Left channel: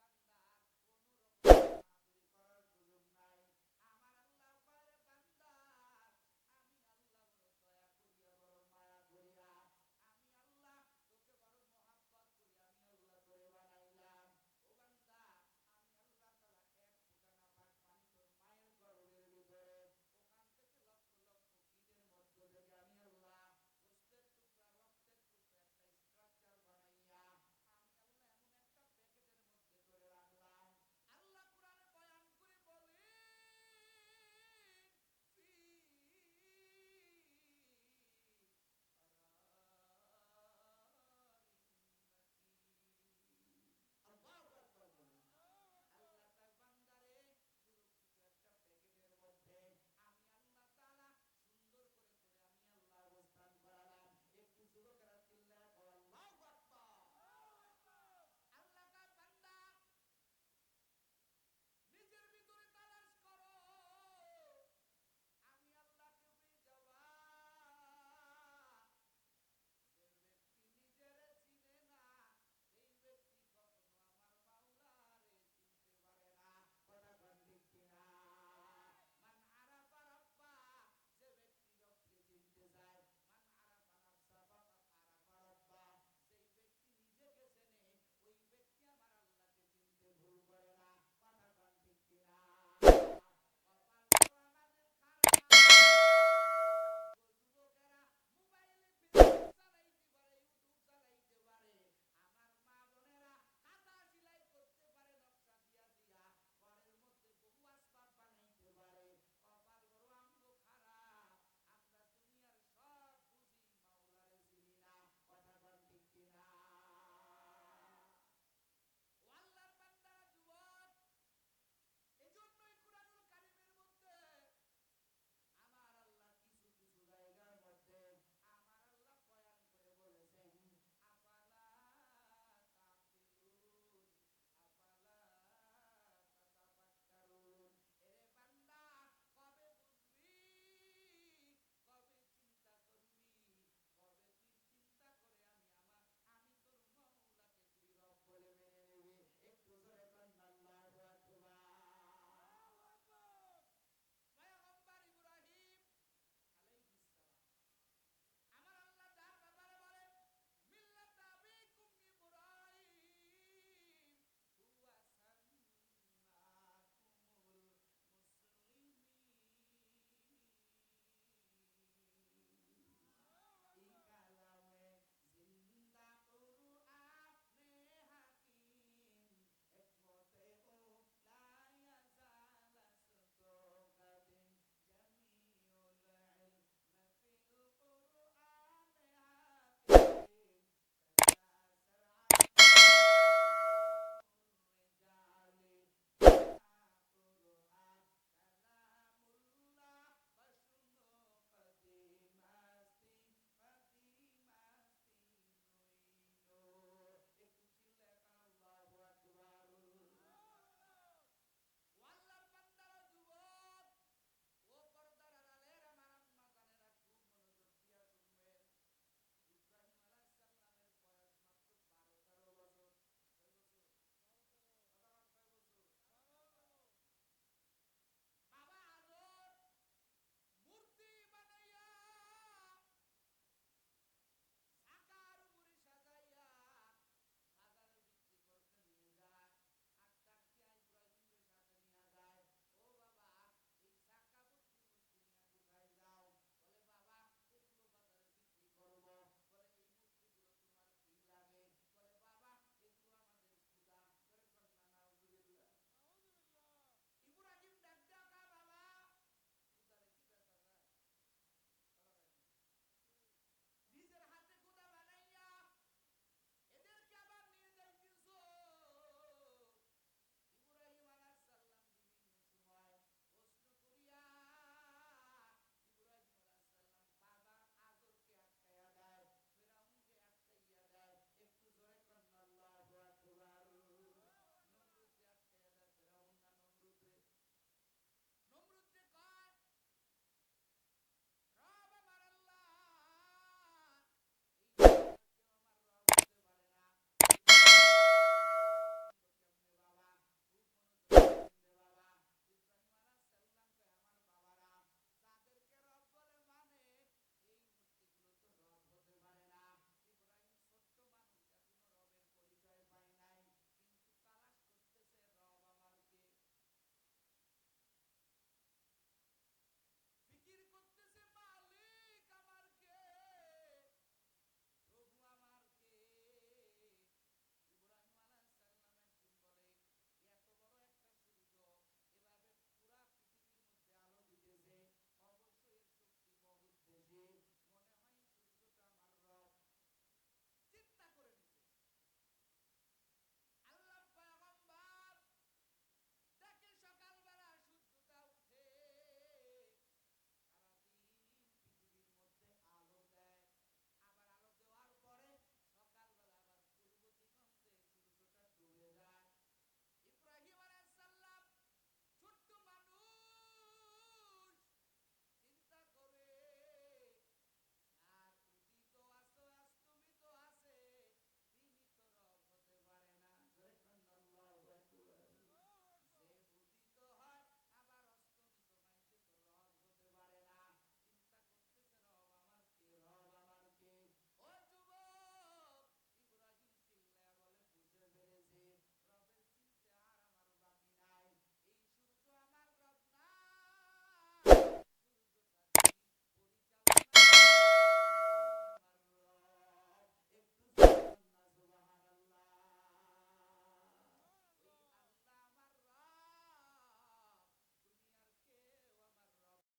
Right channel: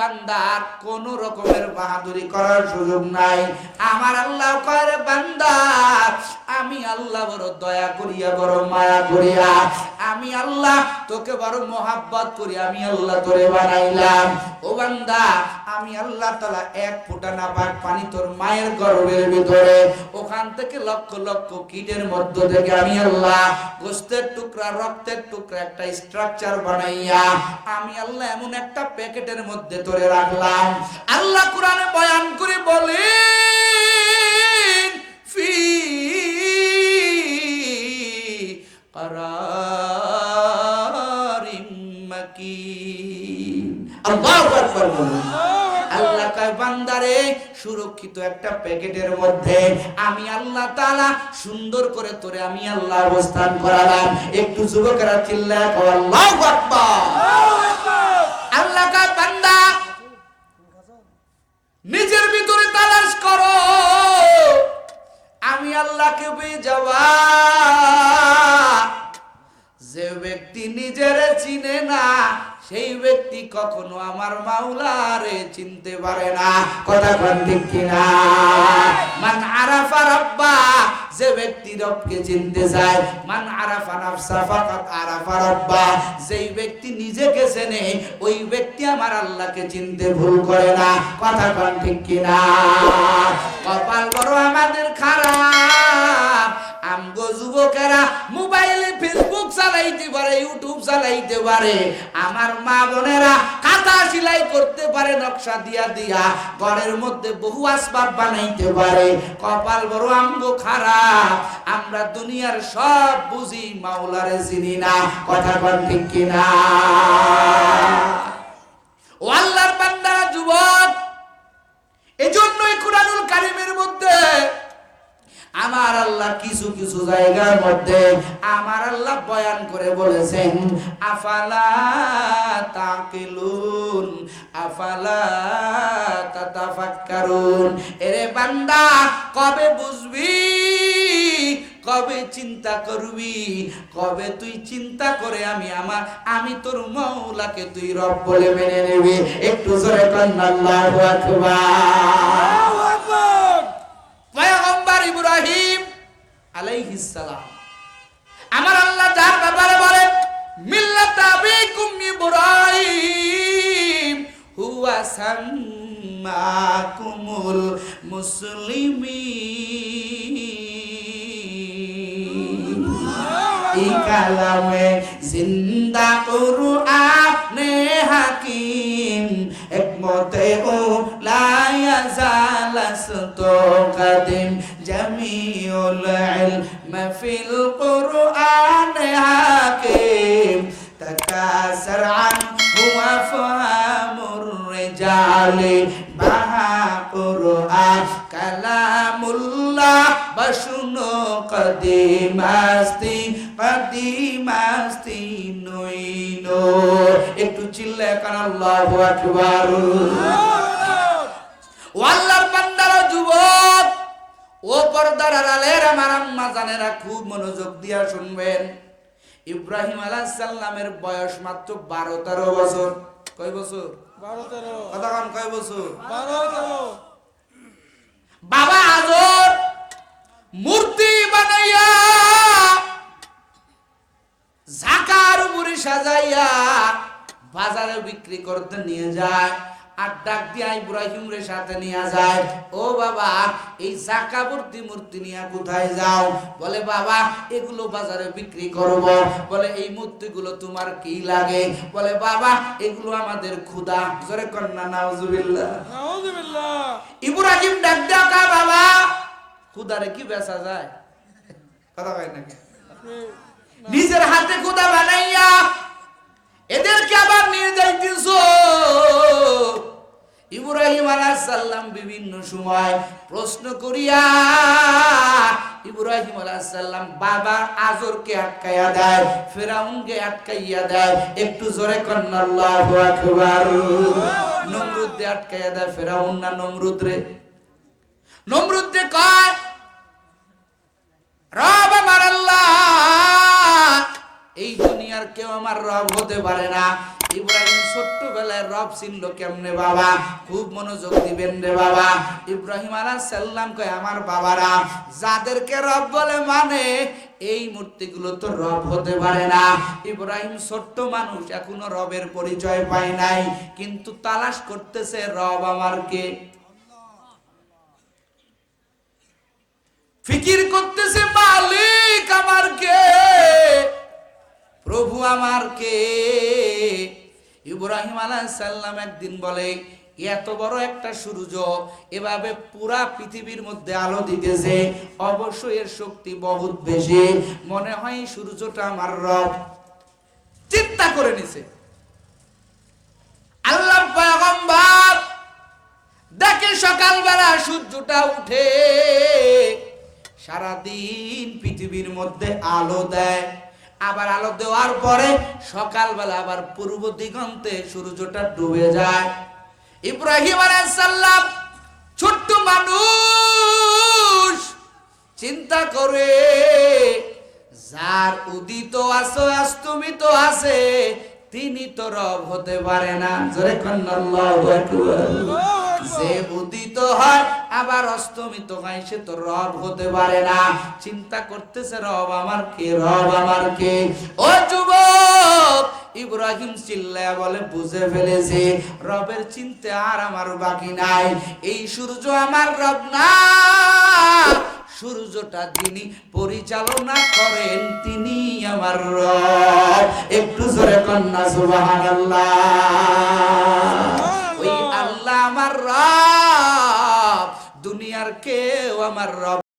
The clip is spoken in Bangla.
বান্দার কোন রকমের বাহাদুরি করার সুযোগ নাই। আমার আল্লাহ কয় বান্দা। আমি আল্লাহ বড় দয়া করিয়া, বড় মায়া করিয়া। আমি আল্লাহ তোকে বড় মোহাব্বত করি, আমি আল্লাহ তোরে বানাইলাম। ও বান্দা, আমি আল্লাহ তালা এক ফোঁটা নাপাক পানি তোর মায়ের গর্ভের ভিতরে। ওখান থেকে লক্ষ লক্ষ মধ্য থেকে আমি আল্লাহ গোস্তের টুকরা, রক্তের টুকরা একটা স্ট্রাকচার বানাইয়া আমি আল্লাহ এমন একটা প্যাকেটের মধ্যে তোরে রাখলাম। আল্লাহ কোরআনে বয়ান করে বলে সুরক্ষিত একটা প্যাকেটের মধ্যে আমি আল্লাহ সুন্দর করে তোরে আমি আল্লাহ অবস্থান করালাম। একটু যুবকেরা বান্দা, নিজের ভিতরে তালাশ করো। আমি আল্লাহকে পেয়ে যাওয়া। যে ব্যক্তি নিজের চিনে না সেই ব্যক্তি কখনো আমার মাওলারে চিনতে পারে না। কথা কোন ঠিক কিনা? মান আরাফা রাব্বা, যে ব্যক্তি রবকে চিনতে যায় মান আরাফা নাফসা ফাকাত আরাফা রাব্বা, যেই ব্যক্তি নিজেকে চেনে, ওই ব্যক্তি আমার আল্লাহকে চিনতে ভুল করে না। কথা কোন ঠিক কিনা? কপাল বড় আমাদের খারাপ, আমগো যুবকেরা মোবাইলে চালাইতে পারে ইউটিউব চালাইতে পারে। আমার মা বোনেরা কাঁথা সেলাই করতে পারে, নকশা দিয়া দিয়া। ঘরের মধ্যে বহু আসবাব বানাইতে পারে। কপাল বড় আমগো খারাপ। আমরা দুনিয়ার সব বুঝি, মাওলারে চিনি না। কথা কন ঠিক কিনা? ও আল্লাহর বান্দারা, যুবক, এজন্যই কুরআনুল কারীমের মধ্যে কিছু কিছু জায়গার মধ্যে আমার আল্লাহ বয়ান করে বলেছেন আফালা তাকিলুন আফালা তাতাফাক্কারুন। এরে বান্দা কবে বুঝবি? কবে চিন্তা করবি? কবে তুই চিন্তা করে আমি আমার আমি তোর মৌলাকে তুই রব বলে মেনে নেবি? একটু জোরে কন্যা আল্লাহু আকবার। পয়গম্বর ইব্রাহিম আলাইহিস সালাম। আমার আল্লাহ যার ব্যাপারে বলেন, মিল্লাত আবিকুম ইব্রাহিম, হুয়া সাম্মাকুমুল মুসলিমিন। এই কালামে জিন্দা কুরআনে বলে, বাহা কালামুল্লাহ একটু চিল্লায় আকবার। ও আল্লাহর যুবক, ও পর্দার আলের আমার আম্মা জানেরা খুব মনোযোগ দিয়া শুনবেন। ইব্রাহিম আলাহ সাল্লামের বয়স মাত্র বারো তেরো বছর। কয় বছর? কথা কন কয় বছর? বাবা আজর মূর্তি বানাইয়া ঝাকার মুড়ি সাজাইয়া বাজারে বিক্রি করতে নিয়ে যায়। আর ডাক দিয়া ইব্রাহিম রে সাথে নিয়ে যায়। ও বাবা এই জাকা ভর্তি মূর্তি নিয়ে কোথায় যাও? বলে বাবা এগুলো বাজারে বিক্রি করব। বলে এই মূর্তিগুলো তোমার কি লাগে? বলে বাবা এগুলো আমাদের ক্ষুদা। জোরে কন্যা নাউজুবিল্লাহ। নাউজুবিল্লাহ। ইব্রাহিম ডাক ডাকা বাবা। খুদারে কি বেচা যায়? কথা কয় নাকি নিজের হাতে খুদা বানাইয়া এদেরকে আবার নিয়ে যাইতেছ। আলাইহিস বিভিন্ন সময়, প্রশ্ন করিয়া ইব্রাহিম আলাইহিস সালাম বাবা আজরকে আটকাইয়া দেয়, ফেরাউনকে আটকাইয়া দেয়, একটু জোরে কন্না আল্লাহু আকবার। আটকাইয়া দেয়, ফেরাউন না নমরুদ রে? নমরুদ কয়? রব আমার আল্লাহ। দুনিয়ার কেউ আমার রব হতে পারে না। ইব্রাহিম ছোট্টবেলায় রব চিনল কেমনে বাবা? খুব মনোযোগ দিবেন রে বাবা। ইব্রাহিম আলাইহিস সাল্লাম কয়, আমার বাবারা, যাদেরকে রব বলে মানে এই মূর্তিগুলো তো রব হতে পারে না। ইব্রাহিম ছোট্ট মানুষ, এখনও রবের পরিচয় পায় নাই, কিন্তু তালাশ করতেছে, রব আমার কে ফিকির করতেছে প্রভু আমার কে? ইব্রাহিম সাল্লাম একদিন বলে, এত বড় একটা সূর্য এভাবে পুরা পৃথিবীর মধ্যে আলো দিতেছে অবশ্যই এর শক্তি বহুত বেশি। মনে হয় সূর্যটা আমার রব। চিন্তা করে নিছে। আল্লাহ পয়গম্বর দেখে সকালবেলা সূর্যটা উঠে, সারাদিন পৃথিবীর মধ্যে আলো দেয়। আবার আলো দেওয়ার পরে সকালবেলা আবার পূর্ব দিগন্তে সূর্যটা ডুবে যায়। ইব্রাহিম আলাইসাল্লাম ছোট্ট মানুষ চিন্তা করে, যার উদিত আছে অস্তমিত আছে, তিনি তো রব হতে পারে না। জোরে কন্যা আল্লাহু আকবার। যে হয়, আবার হয়, সে তো রব হতে পারে না। চিন্তা করতেছে, রব আমার কে, রব আমার কে? ও যুবক, ইব্রাহিম চিল্লায়া বলে, বুঝে ফেলেছে, রবের চিনতে আর আমার বাকি নাই। এই সূর্য আমার রব না। সূর্যটা যিনি পরিচালনা করেন, তিনি আমার রব। একটু জোরে কন্যা, সুবহানাল্লাহ। কেউ আমার রব